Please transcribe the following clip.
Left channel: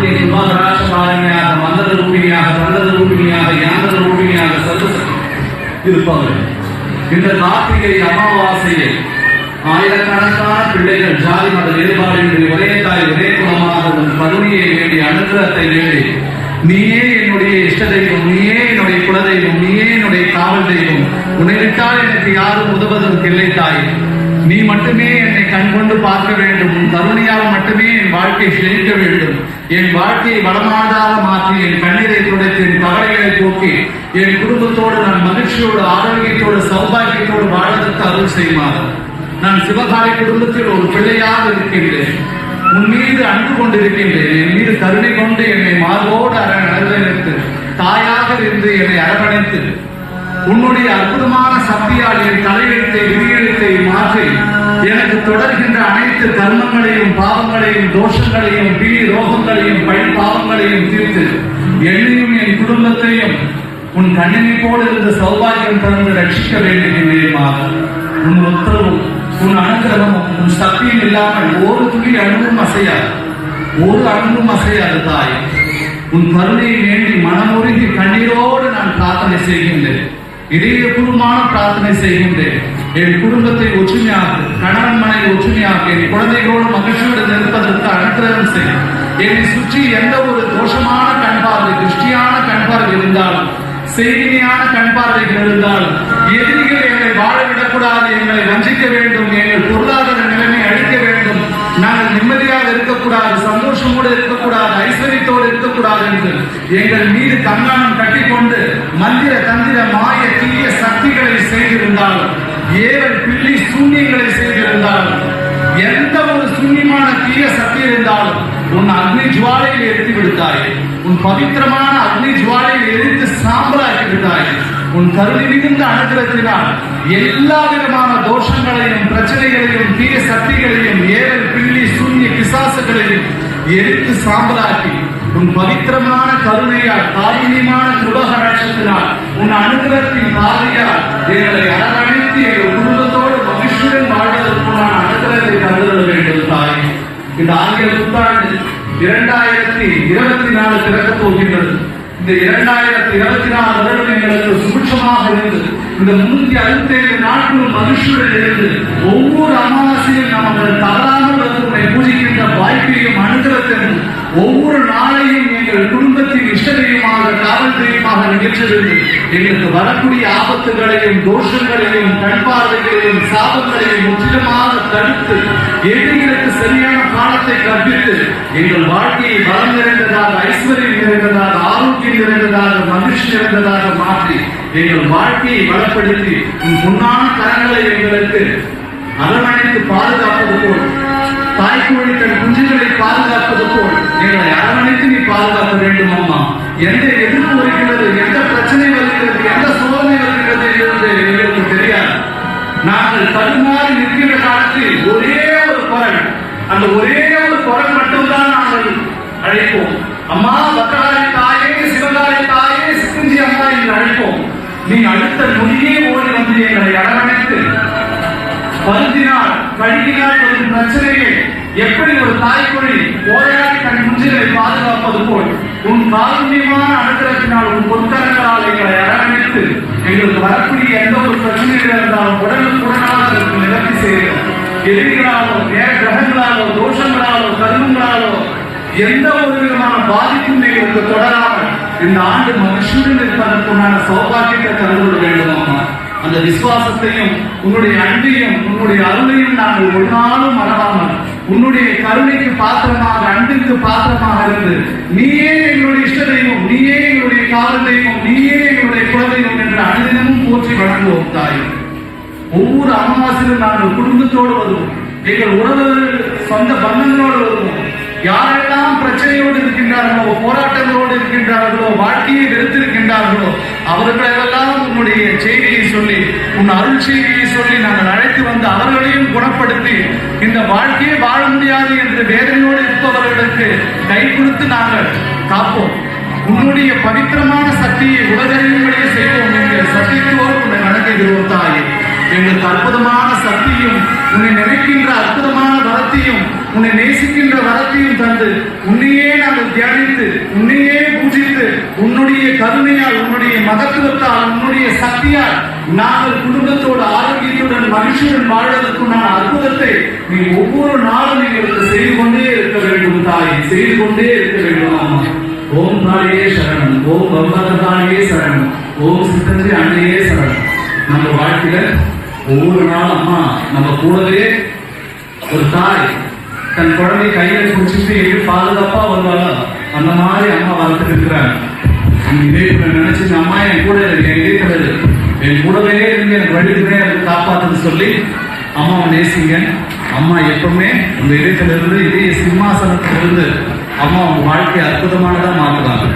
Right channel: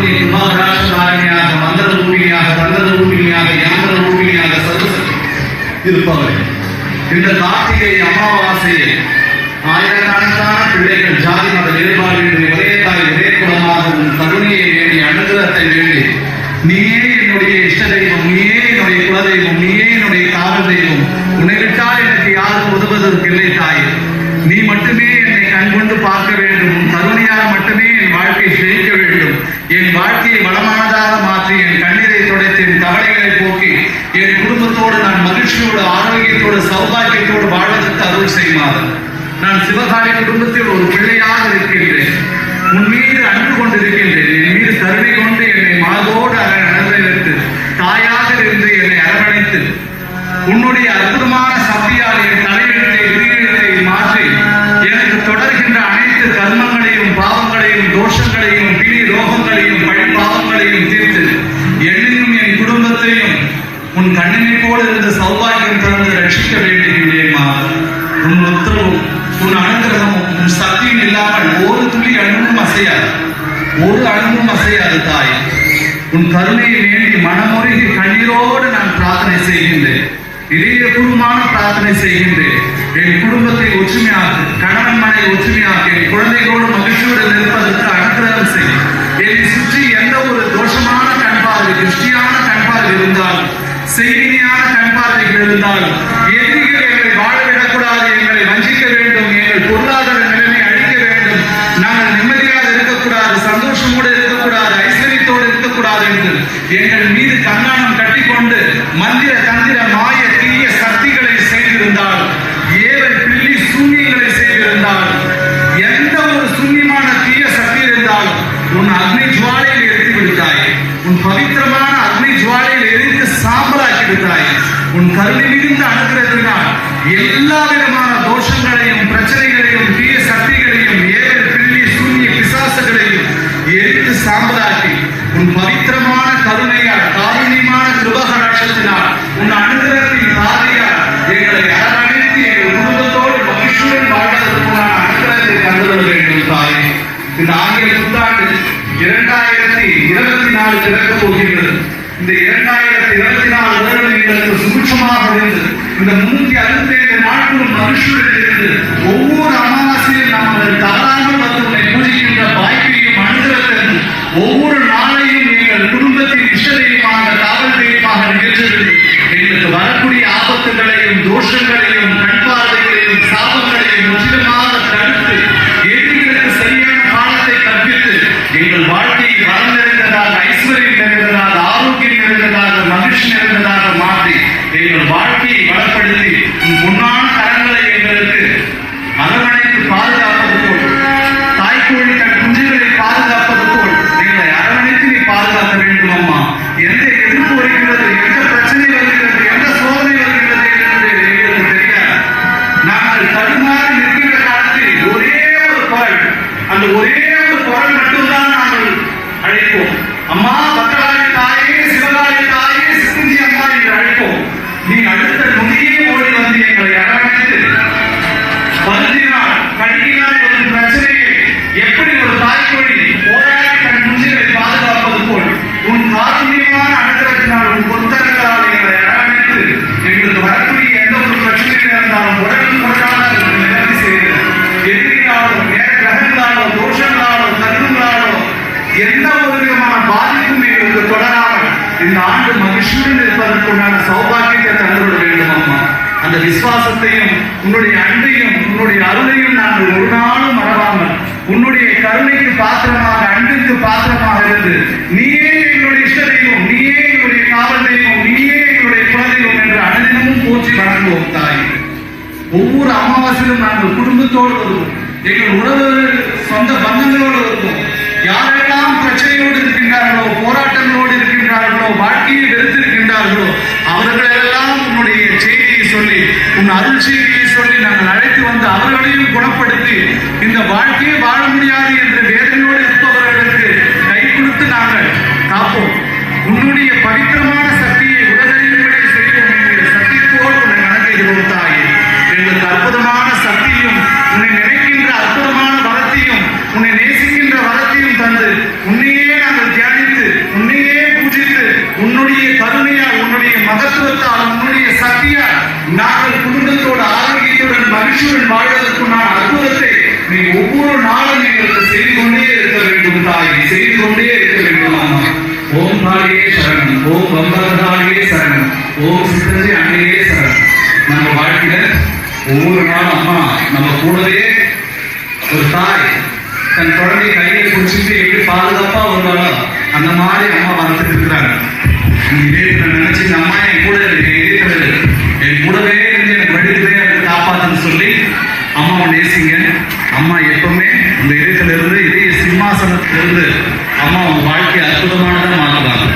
பார்வதி குமாரராசபாரணியாக மந்திர ரூபிணியாக தந்திர ரூபிணியாக யந்திர ரூபிணியாக சர்வசக்தி இருப்பவரே இந்த கார்த்திகை அமாவாசையை ஆயிரக்கணக்கான பிள்ளைகள் ஜாதி மத வேறுபாடின்றி ஒரே தாய் ஒரே குலமாக உன் கருணையை வேண்டி அனுகிரகத்தை வேண்டி நீயே என்னுடைய இஷ்ட தெய்வம் நீயே என்னுடைய குலதெய்வம் நீயே என்னுடைய காவல் தெய்வம் உன்னை விட்டால் எனக்கு யாரும் உதவுவதற்கு இல்லை தாய். நீ மட்டுமே என்னை கண்கொண்டு பார்க்க வேண்டும். கருணையால் மட்டுமே என் வாழ்க்கை ஜெயிக்க வேண்டும். என் வாழ்க்கையை வளமானதாக மாற்றி என் கண்ணீரை துடைத்து என் கவலைகளை போக்கி என் குடும்பத்தோடு நான் மகிழ்ச்சியோடு ஆரோக்கியத்தோடு சௌபாகியத்தோடு வாழ்வதற்கு அருள் செய்யுமாறு நான் சிவகாரி குடும்பத்தில் ஒரு பிள்ளையாக இருக்கின்றேன். உன் மீது அன்பு கொண்டிருக்கின்றேன். என் மீது கருணை கொண்டு உன் கண்ணினை போல இருந்த சௌபாகியம் தொடர்ந்து ரட்சிக்க வேண்டுகின்றேமா உன் உத்தரவும் உன் அனுகிரகமும் உன் சக்தியும் இல்லாமல் ஒரு துளி அணுவும் அசையாது. ஒரு அணுவும் அசையாது தாய். உன் கருணையை வேண்டி மனமுருகி கண்ணீரோடு நான் பிரார்த்தனை செய்கின்றேன். இதயபூர்வமான பிரார்த்தனை செய்கின்றேன். என் குடும்பத்தை ஒற்றுமையாக்கு. செய்தியான கண்பார்வைகள் இருந்தாலும் எதிரிகள் எங்களை வாழ விடக்கூடாது எங்களை வஞ்சிக்க வேண்டும் எங்கள் பொருளாதார நிலைமை அழிக்க வேண்டும். நாங்கள் நிம்மதியாக இருக்கக்கூடாது சந்தோஷமோடு இருக்கக்கூடாது ஐஸ்வர்யத்தோடு இருக்கக்கூடாது என்று எங்கள் மீது கண்ணானம் கட்டிக்கொண்டு மந்திர தந்திர மாய தீய சக்திகளை செய்திருந்தால் ஏழு பில்லி சூன்யங்களை செய்திருந்தால் எந்த ஒரு சூன்யமான தீய சக்தி இருந்தாலும் உன் அக்னி ஜுவாலையில் எடுத்து விடுத்தாய் உன் பவித்திரமான அக்னி ஜுவாலையில் எரித்து உன் மிகுந்த அனுகிரகத்தினால் எல்லா விதமான தோஷங்களையும் பிரச்சனைகளையும் தீய சக்திகளையும் ஏவல் பிள்ளி சூரிய பிசாசுகளையும் எரித்து சாம்பலாக்கி உன் பவித்திரமான கருணையால் காரணியமான கிருபகடாட்சத்தினால் உன் அனுகிரகத்தின் பாதையால் எங்களை அரவணைத்து எங்கள் குடும்பத்தோடு மகிழ்ச்சியுடன் வாழ்வதற்குள்ளான அனுகிரகத்தை தந்துவிட வேண்டும் தாய். இந்த ஆங்கில புத்தாண்டு இரண்டாயிரத்தி இருபத்தி நாலு திறக்கப் போகின்றது. இந்த இரண்டாயிரத்தி இருபத்தி நாலு வருடம் எங்களுக்கு சுபிட்சமாக இருந்தது. இந்த முன்னூத்தி அறுபத்தி ஏழு நாட்களும் மனுஷர்கள் இருந்து ஒவ்வொரு அமாவாசையும் நாங்கள் தவறாமல் வந்து உன்னை பூஜிக்கின்ற வாய்ப்பையும் அனுகிரகத்தையும் ஒவ்வொரு நாளையும் எங்கள் குடும்பத்தின் இஷ்டதையுமாக தெய்வமாக காவல் தெய்வமாக எங்களுக்கு வரக்கூடிய ஆபத்துகளையும் தோஷங்களையும் கண்பார்வைகளையும் சாபங்களையும் முற்றிலுமாக தடுத்து எதிரிகளுக்கு சரியான பாடத்தை கற்பித்து எங்கள் வாழ்க்கை நிறைந்ததாக மாற்றி எங்கள் வாழ்க்கையை பலப்படுத்தி உன் பொன்னான கரங்களை எங்களுக்கு அரவணைத்து பாதுகாப்பது போல் தாய்க்கோழி தன் குஞ்சுகளை பாதுகாப்பது போல் எங்களை அரவணைத்து நீ பாதுகாக்க வேண்டும் அம்மா. எந்த எதிர்ப்பு வருகிறது எந்த பிரச்சனை வருகிறது எந்த சோதனை வருகிறது என்று எங்களுக்கு தெரியாது. நாங்கள் தடுமாறி நிற்கிற காலத்தில் ஒரே ஒரு குரல் அந்த ஒரே ஒரு குரல் மட்டும்தான் நாங்கள் அழைப்போம். அம்மா பக்கராரி தாயே சிவகாரி தாயே கழுகினால் வரும் எப்படி ஒரு தாய்மொழி போராடி தன் குஞ்சுகளை பாதுகாப்பது போல் உன் காரணியமான அனுகிரகத்தினால் உன் பொருத்தரங்களால் எங்களை அரவணைத்து எங்களுக்கு வரக்கூடிய எந்த ஒரு பிரச்சனைகள் இருந்தாலும் உடனுக்கு உடனாக நிவர்த்தி செய்கிறது எதிரிகளாலோ நேர கிரகங்களாலோ தோஷங்களாலோ கர்மங்களாலோ எந்த ஒரு விதமான பாதிப்பும் எங்களுக்கு தொடராமல் இந்த ஆண்டு மகிழ்ச்சியுடன் இருப்பதற்குண்டான சௌபாகியத்தை தந்துவிட வேண்டும் அம்மா அந்த விசுவாசத்தையும் உன்னுடைய அன்பையும் உன்னுடைய அருளையும் நாங்கள் ஒரு நாளும் மறவாமல் உன்னுடைய கருணைக்கு பாத்திரமாக அன்பிற்கு பாத்திரமாக இருந்து நீயே எங்களுடைய இஷ்ட தெய்வம் நீயே எங்களுடைய காவல் தெய்வம் நீயே எங்களுடைய குலதெய்வம் என்று அனுதினமும் போற்றி வழங்குவோம் தாய். ஒவ்வொரு அமாவாசையிலும் நாங்கள் குடும்பத்தோடு வருவோம். எங்கள் உறவுகள் சொந்த பந்தங்களோடு வருவோம். யாரெல்லாம் பிரச்சனையோடு இருக்கின்றார்களோ போராட்டங்களோடு இருக்கின்றார்கள் சக்தியாய் நாங்கள் குடும்பத்தோடு ஆரோக்கியத்துடன் மகிழ்ச்சியுடன் வாழ்வதற்குண்டான அற்புதத்தை நீ ஒவ்வொரு நாளும் எங்களுக்கு செய்து கொண்டே இருக்க வேண்டும் தாய். செய்து கொண்டே இருக்க வேண்டும் அம்மா ஓம் காளியே சரணம். ஓம் பகவதாளியே சரணம். ஓம் சித்தஞ்சி அன்னையே சரணம். நம்ம வாழ்க்கையில ஒவ்வொரு நாளும் அம்மா நம்ம கூடவே ஒரு தாய் தன் குழந்தை கையில பிடிச்சிட்டு எப்படி பாதுகாப்பா வருவாளோ அந்த மாதிரி அம்மா வளர்த்துட்டு இருக்கிறாங்க. நீங்க இதே நினைச்சு அம்மா என் கூட இருக்கேன் சொல்லி அம்மாவை நேசிங்க. அம்மா எப்பவுமே உங்க இதயத்துல இருந்து இதய சிம்மாசனத்திலிருந்து அம்மா உங்க வாழ்க்கை மாறுவாங்க